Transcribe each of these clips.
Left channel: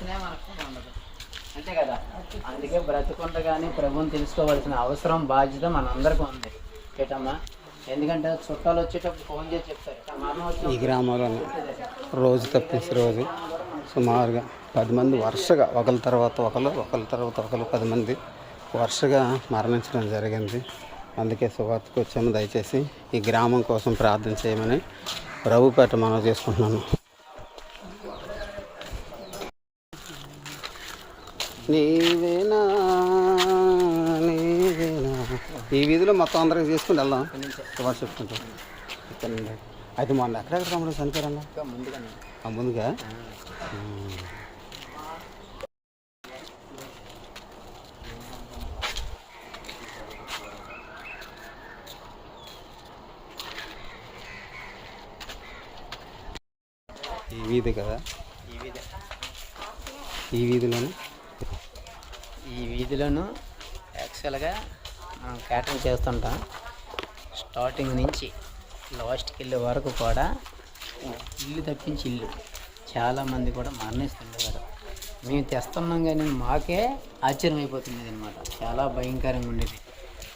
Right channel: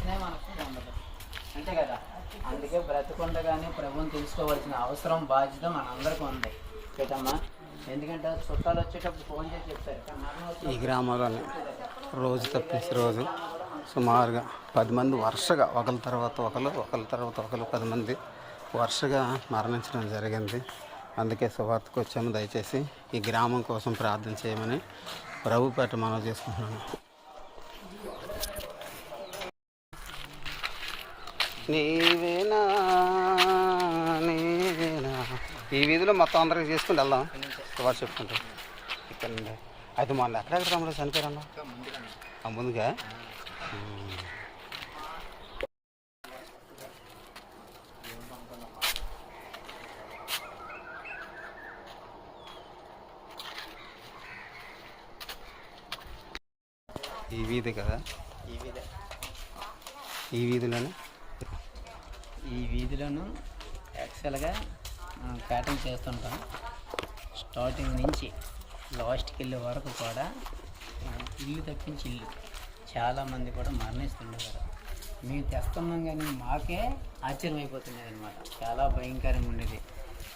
చేస్తేనే మనకు ఉండదు, అంతే కదా. అందుకే బ్రతుకుండగానే ప్రభువుని తెలుసుకోవాల్సిన అవసరం, బాధ్యత మనందరికీ ఉంది ఏటమ్మా. ఎందుకంటే చుట్టాలు వచ్చేటప్పుడు ఫోన్ చేసి చెప్తారు. ఈ గ్రామంలోనే రోజు తప్పించి రోజు సుమారుగా 10 మంది వరుసగా ఒకరి తర్వాత ఒకరు 10 మంది వరుసగా మరణించడం జరిగింది. అందుకే సువార్తకు వచ్చాము. దయచేసి ఈ గ్రామం కోసం ప్రార్థన చేయమని ప్రభుపేట మనం చేసుకుంటున్నాను. నీవేనా నీవేనా. ఈ వీధిలో మొత్తం అందరికి చేసుకుని వెళ్దాం. సువార్త చెప్పుకుంటాం. ఇక్కడ అయితే మొన్న ఎక్కడెక్కడ తమ్ముడు చనిపోయారన్నా? ముందుగా ఈ వీధి కదా, ఈ వీధిలోను యాక్చువల్గా మనం క్యాటరింగ్ చేస్తుంటాం. స్టార్టింగ్ నుంచి లాస్ట్కి వెళ్ళే వరకు కూడా ఇల్లు తప్పించి ఇల్లు చాలామంది కూడా మరణిస్తుండేవారు. మేము తెస్తున్నాం కానీ మాకే ఆశ్చర్యం అయిపోతుండేది అనమాట. చాలా భయంకరంగా ఉండేది.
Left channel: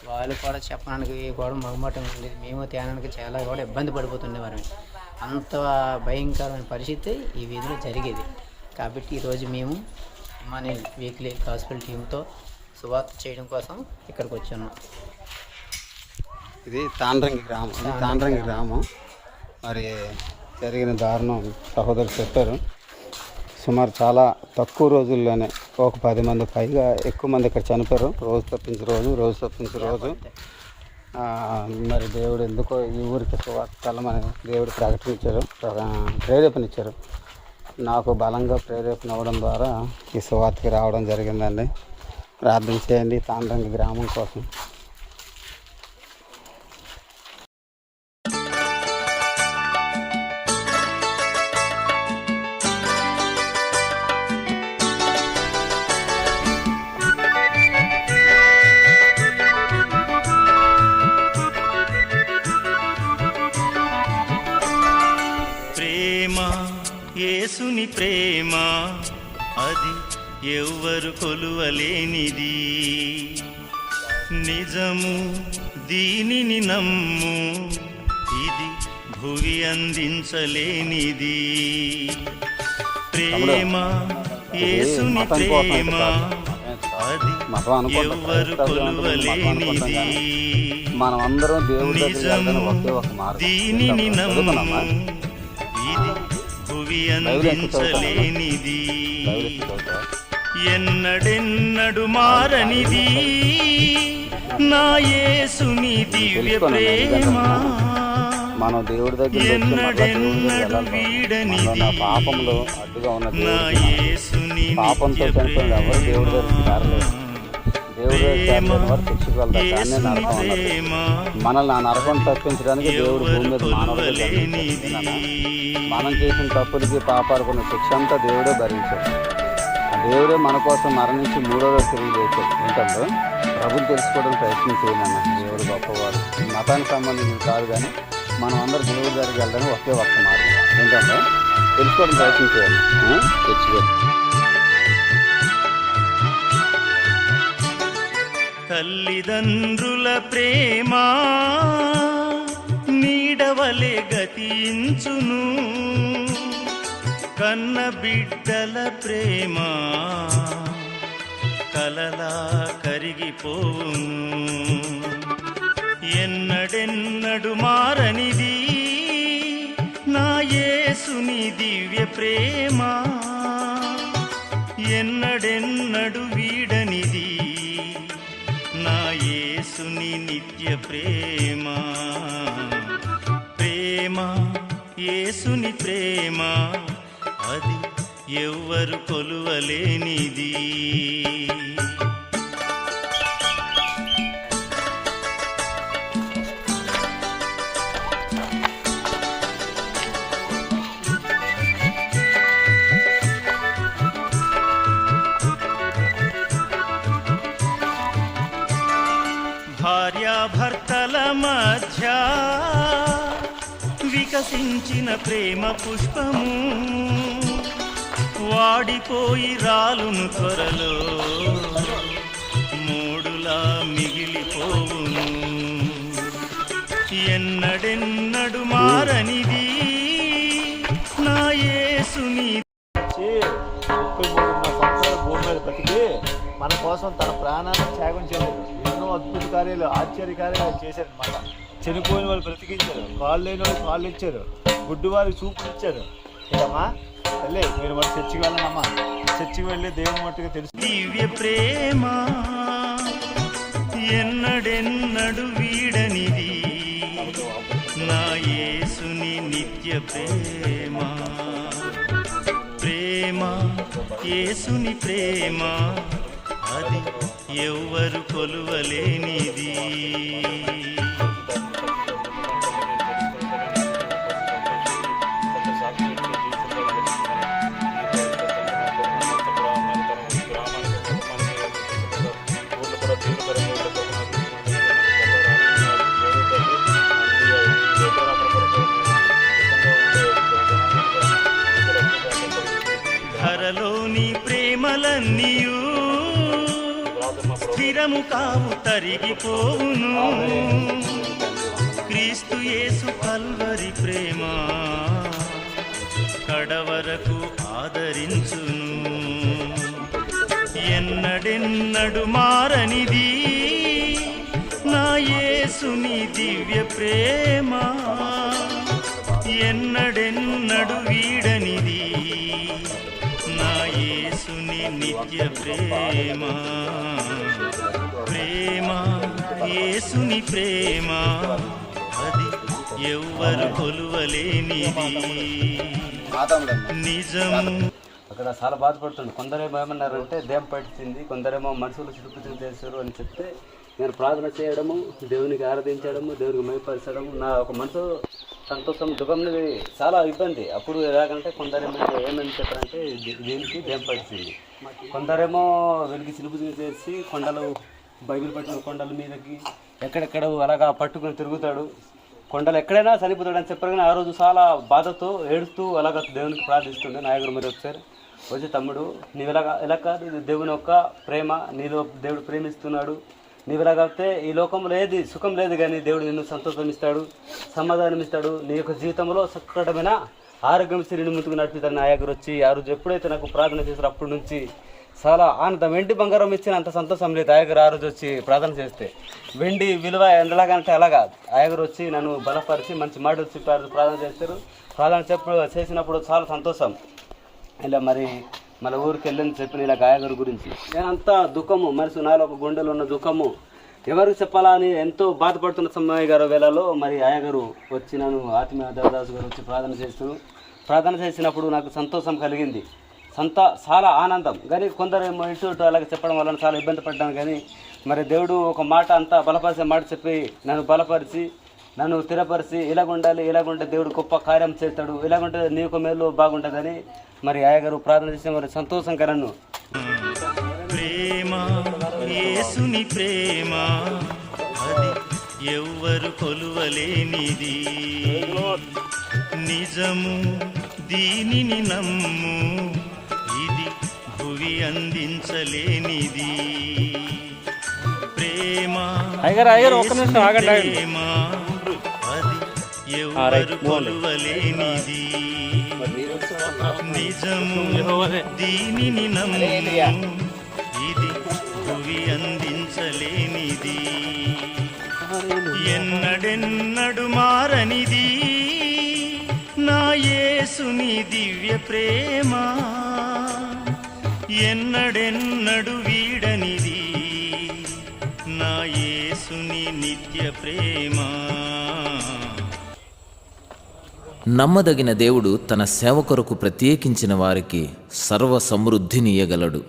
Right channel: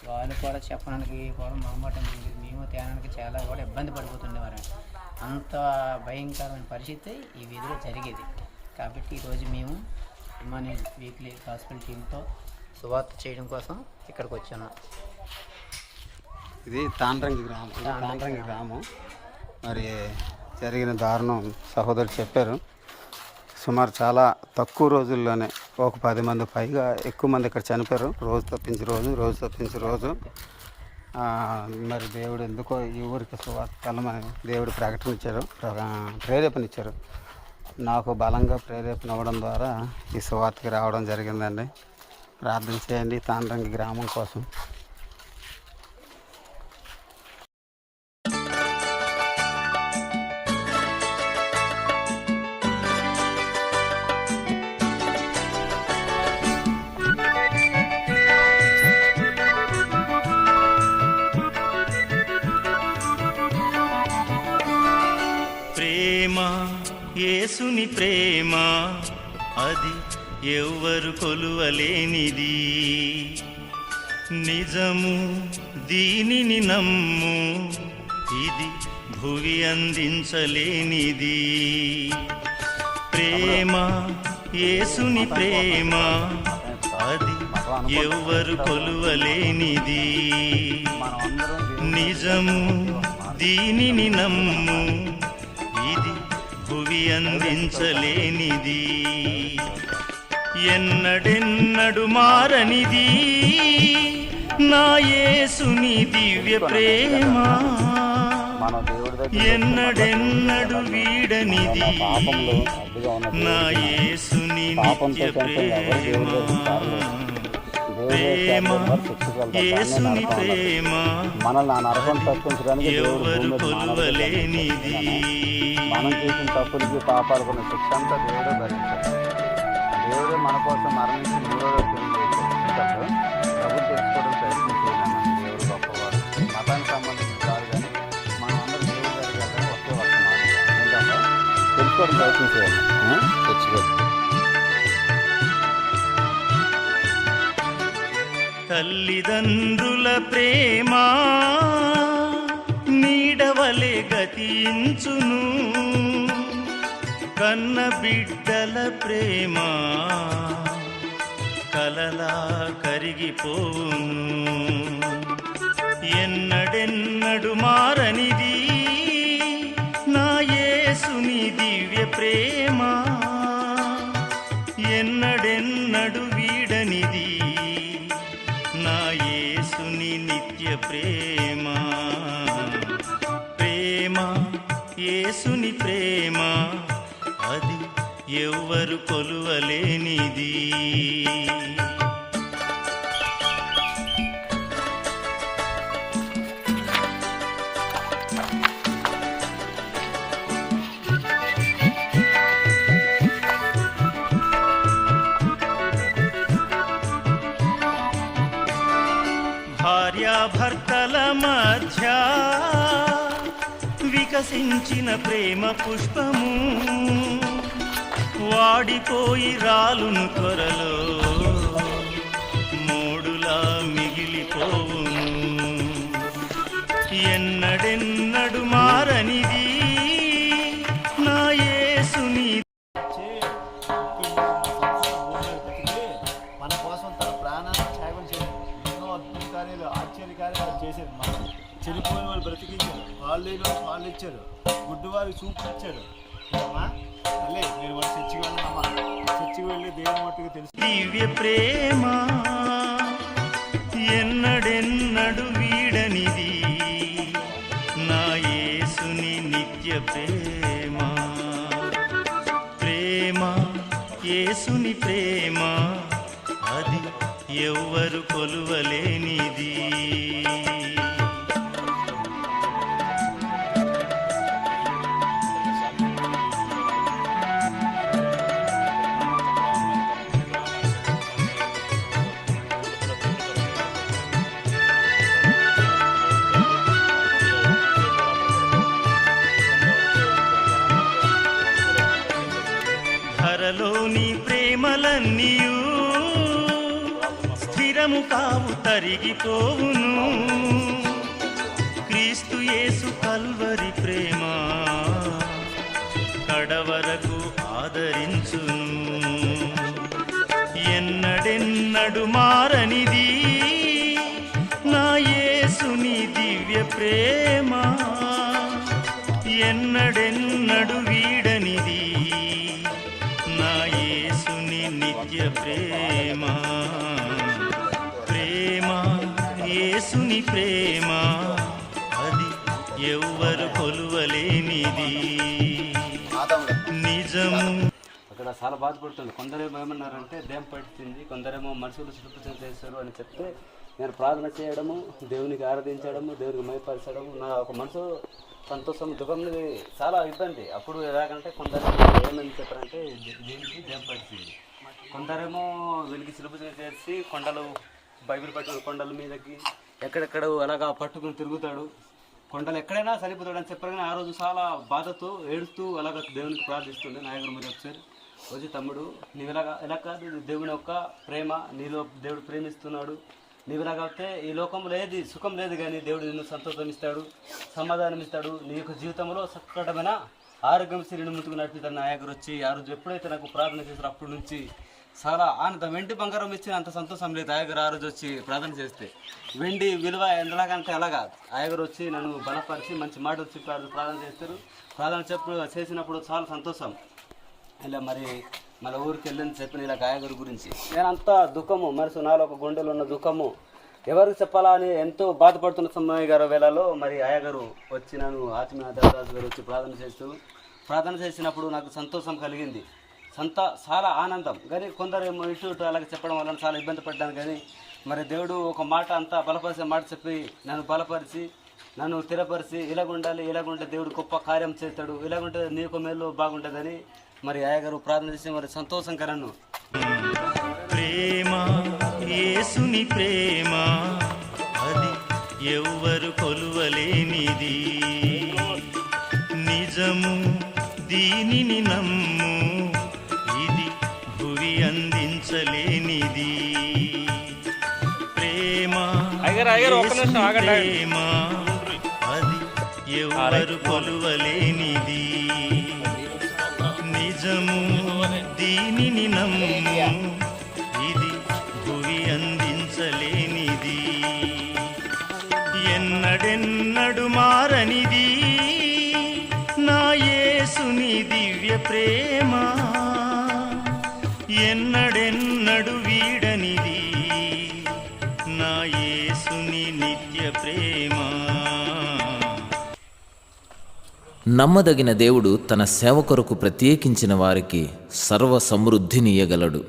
వాళ్ళు కూడా చెప్పడానికి కూడా మొహమాటంగా ఉండేది. మేము తేనానికి చాలా కూడా ఇబ్బంది పడిపోతుండేవారమే. అంత భయంకరమైన పరిస్థితి ఈ వీధిలో జరిగేది. కాబట్టి ఈరోజు మేము మన వీక్లీ గాస్పెల్ టీంతో సువార్త చేయడం కోసం ఇక్కడికి వచ్చున్నాం. ఇది తాండ్రంగి గ్రామం. మరి జరిగిన దారుణం సహోదరు చెప్పారు. సుమారు చాలా తక్కువ రోజుల్లోనే ఒక 10 మంది పైగా ఎక్కువ మంది ఇక్కడ చనిపోయారు. రోజు తప్పించి రోజు. మరి దేవుడు ఎందుకో ఈ ఊరికి సువార్త వెళ్ళమని దేవుడు ప్రేరేపణిచ్చారు. నాకు బలంగా ప్రేరేపణ అవ్వడం ద్వారా ఈ సువార్తకి రావడం జరిగిందండి. ప్రార్థన చేయండి తాండ్రంగి గ్రామం కోసం. యేసుని ప్రేమ అది ఎవ్వరు కొలువలేనిది, నిజము దీనిని నమ్ము, ఇది భువి అందించలేనిది. ప్రేమ యేసుని ప్రేమ అది ఎవ్వరు కొలువలేనిది, నిజము దీనిని నమ్ము, ఇది భువి అందించలేనిది. ఎన్నడెన్నడు మారనిది నా యేసుని దివ్య ప్రేమ, ఎన్నడెన్నడు వీడనిది నా యేసుని నిత్య ప్రేమ. ప్రేమ యేసుని ప్రేమ ఎవరు కొలువలేనిది. మనం చేసిన తప్పులకి పాపాలకున్న శిక్ష అంతా దేవుడే భరించాడు. దేవుడే మన కోసం మరణించి 3వ రోజు తిరిగి లేచాడు. ఏంటంటే ప్రభుని తెలుసుకోవడం ప్రయత్నం చేయాలన్న. దేవుడు గొప్పవాడు. మతానికి సంబంధించి కాదు, కానీ మనం అందరూ దేవుడి దగ్గరికి వెళ్ళడానికి ఒకే ఒక్క మార్గం. ఏంటంటే తెలుసుకోవడం ప్రయత్నం చేయాలి. తెచ్చుకోవాలి. తల్లిదండ్రుల ప్రేమ నీడవలే గతించును, కన్న బిడ్డల ప్రేమ కలలా కరిగిపోవును. ఎన్నడెన్నడు మారనిది నా యేసుని దివ్య ప్రేమ, ఎన్నడెన్నడు వీడనిది నా యేసుని నిత్య ప్రేమ. ప్రేమ యేసుని ప్రేమ అది ఎవ్వరు కొలువలేనిది. భార్యాభర్తల మధ్య వికసించిన ప్రేమ పుష్పము వాడిపోయి రాలును త్వరలో, మోడులా మిగిలిపోవును. ఎన్నడెన్నడు మారనిది నా యేసుని. 33 సంవత్సరాలు భూమి మీద బతికి మన కోసం తన ప్రాణాన్ని త్యాగం చేయలేదు. ఎన్నో అద్భుత కార్యాలు, ఆశ్చర్య కార్యాలు చేశారనమాట. చనిపోయిన వాళ్ళు బ్రతికించారు, కాళ్ళు లేని వాళ్ళు కాళ్ళు ఇచ్చారు, గుడ్డు వారికి చూపులు ఇచ్చారు. ఇదమ్మా తల్లి, మీరు మరి చర్చికి వెళ్ళనమ్మా, చర్చికి వెళ్ళి దేవుని మట్టుగా తెలుసు. దివ్య ప్రేమ ఎన్నడెన్నడు వీడనిది నా యేసుని నిత్య ప్రేమ. ప్రేమ యేసుని ప్రేమ, అది ఎవ్వరు కొలువలేనిది. ధరలోని ప్రేమలన్నీయు స్థిరము కావు, తరిగిపోవును. క్రీస్తు యేసు కల్వరి ప్రేమ కడవరకు ఆదరించును. ఎన్నడెన్నడు మారనిది నా యేసుని దివ్య ప్రేమ, ఎన్నడెన్నడు వీడనిది నా యేసుని నిత్య ప్రేమ. ప్రేమ యేసుని ప్రేమ, అది ఎవ్వరు కొలువలేనిది. నిజము. అక్కడ చాలా బాధపడుతుంది. కొందరేమో ఏమన్నారంటే దేం పట్టింది, కొందరేమో మనుషులు సురక్షితం చేశారు అని చెప్తే నేను ప్రార్థన చేయడము, దేవునికి ఆరాధించడము, దేవునికి మయపరచడము నా ఒక మనసు సంతోషం, దుఃఖం చాలా ఇబ్బంది. అప్పుడు ఎలాగంటే కొందరేమో ఏమని చెప్పారంటే దేనికి దేం పట్టింది, కొందరేమో వెలిగి సిలుపు చేసి కొండలు బైబిల్ పట్టిన కొండల మీదకి ఎక్కడెక్కడ అలాగా పట్టుకుని తిరుగుతాడు, కొండలు ఎక్కడైనా చనిపోతాడు అని చెప్పారు. కానీ ఆ రోజు చాలా బాధతో ఏడుస్తూ అలాగ దేవునికి ప్రార్థిస్తుండే నాయకుడు. మీరు ఒకసారి వచ్చి తమ్ముడు నీవు ఎలా కాదు, ఇది దేవుని యొక్క ప్రేమ, నీలో దేవుడు ప్రేమిస్తున్నాడు, నీవు ఎలాగైతే ఈ లోకంలో ఏది సుఖం లేదు కానీ దేవుడు నిన్ను సంతోషం ఇస్తాడు, సమాధానం ఇస్తాడు, నీ యొక్క జీవితంలో సక్కటమైన ఆరోగ్యం శ్రీని ముందుకు నడిపిస్తాడు. నాయకుడు వచ్చి ఆ రోజు ఎప్పుడైతే నాకు ప్రార్థన చేశారో అప్పటి నుంచి చాలా ఆనందం. వెండి బంగారం ఇచ్చిన అంత సంతోషం లేదు అయ్యగారు ఆ రోజు వచ్చి ప్రార్థన చేస్తే. వెండి విలువ ఎలాగంటే అలాగా అయ్యగారు వచ్చి నన్ను బలపరిచి మంచి మాటలు చెప్పి ప్రార్థన చేస్తారు. ప్రార్థన చేసినప్పుడు చాలా సంతోషం. ఇలా మరి మన ఊరికి వెళ్ళని చెప్పిన ఇలా గాయగారి గురించి నేను అంతా దుఃఖము, మనసు నాలో ఒక గుండెలో ఉన్న దుఃఖము ఎవరికి చెప్పాలా అని ఎంతో బాధపడుతున్న సమయ గారు వేళలో మరి అయ్యగారు వచ్చి నన్ను ఆత్మీయ దేవదాసు గారు వచ్చి ప్రార్థన చేస్తారు. ప్రార్థన చేసినప్పుడు నాకు సంతోషం కలిగింది, చాలా ఆనందం. కానీ కొందరు ఇటు అలాగే చెప్పడం వల్ల చాలా ఇబ్బంది పడ్డాను. కానీ మరి దేవుడు ఒక మాట అంతా బలపరిచే మాట చెప్పి నన్ను బలపరిచి నన్ను స్థిరపరిచి ఇలాగుంటే దేవుడు గొప్ప కార్యం చేస్తాడు, ఇలాగుంటే నీకు మేలు బాగుంటుందని మరి అయ్యగారు ప్రార్థన చేసిన వారి సంతోషం కరను. ప్రేమ యేసుని ప్రేమ, అది ఎవ్వరు కొలువలేనిది. నిజము దీనిని నమ్ము, ఇది భువి అందించలేనిది. ప్రేమ ప్రేమ, అది ఎవ్వరు కొలువలేనిది. నిజము దీనిని నమ్ము, ఇది భువి అందించలేనిది. ఎన్నడెన్నడు మారనిది నా యేసుని దివ్య ప్రేమ, ఎన్నడెన్నడు వీడనిది నా యేసుని నిత్య ప్రేమ. నమ్మదగిన దేవుడు తన సేవ కొరకు ప్రత్యేకించిన వారికి సర్వ సమృద్ధినియగలడు.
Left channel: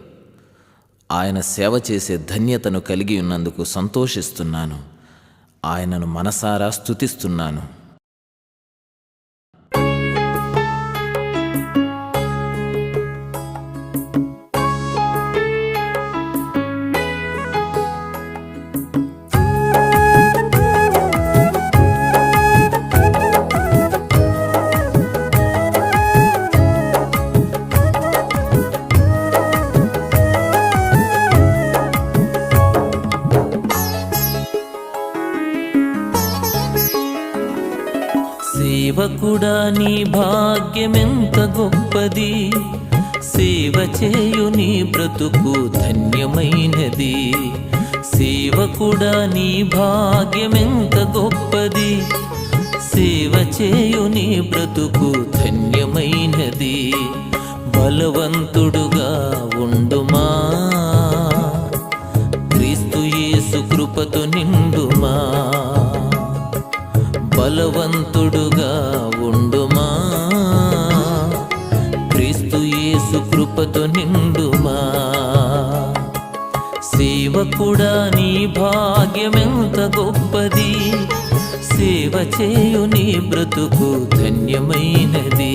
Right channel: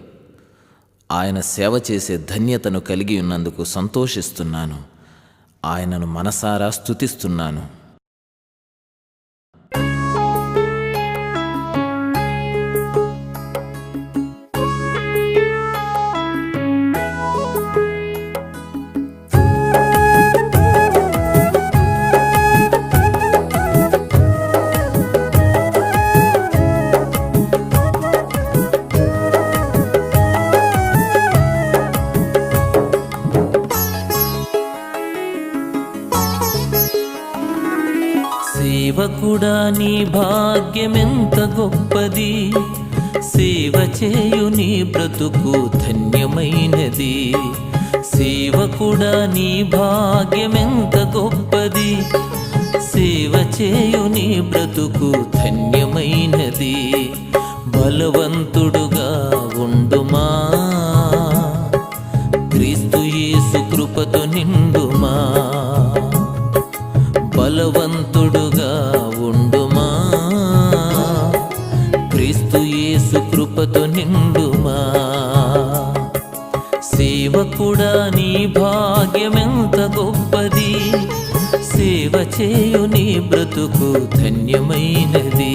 ఆయన సేవ చేసే ధన్యతను కలిగి ఉన్నందుకు సంతోషిస్తున్నాను. ఆయనను మనసారా స్తుతిస్తున్నాను. సేవకుడా నీ భాగ్యమెంత గొప్పది, సేవ చేయు నీ బ్రతుకు ధన్యమైనది. సేవకుడా నీ భాగ్యమెంత గొప్పది, సేవ చేయు నీ బ్రతుకు ధన్యమైనది. బలవంతుడుగా ఉండుమా, క్రీస్తు యేసు కృపతో నిండుమా. బలవంతుడుగా ఉండుమా, క్రీస్తు యేసు కృపతో నిండుమా. సేవకుడా నీ భాగ్యమెంత గొప్పది, సేవ చేయు నీ బ్రతుకు ధన్యమైనది.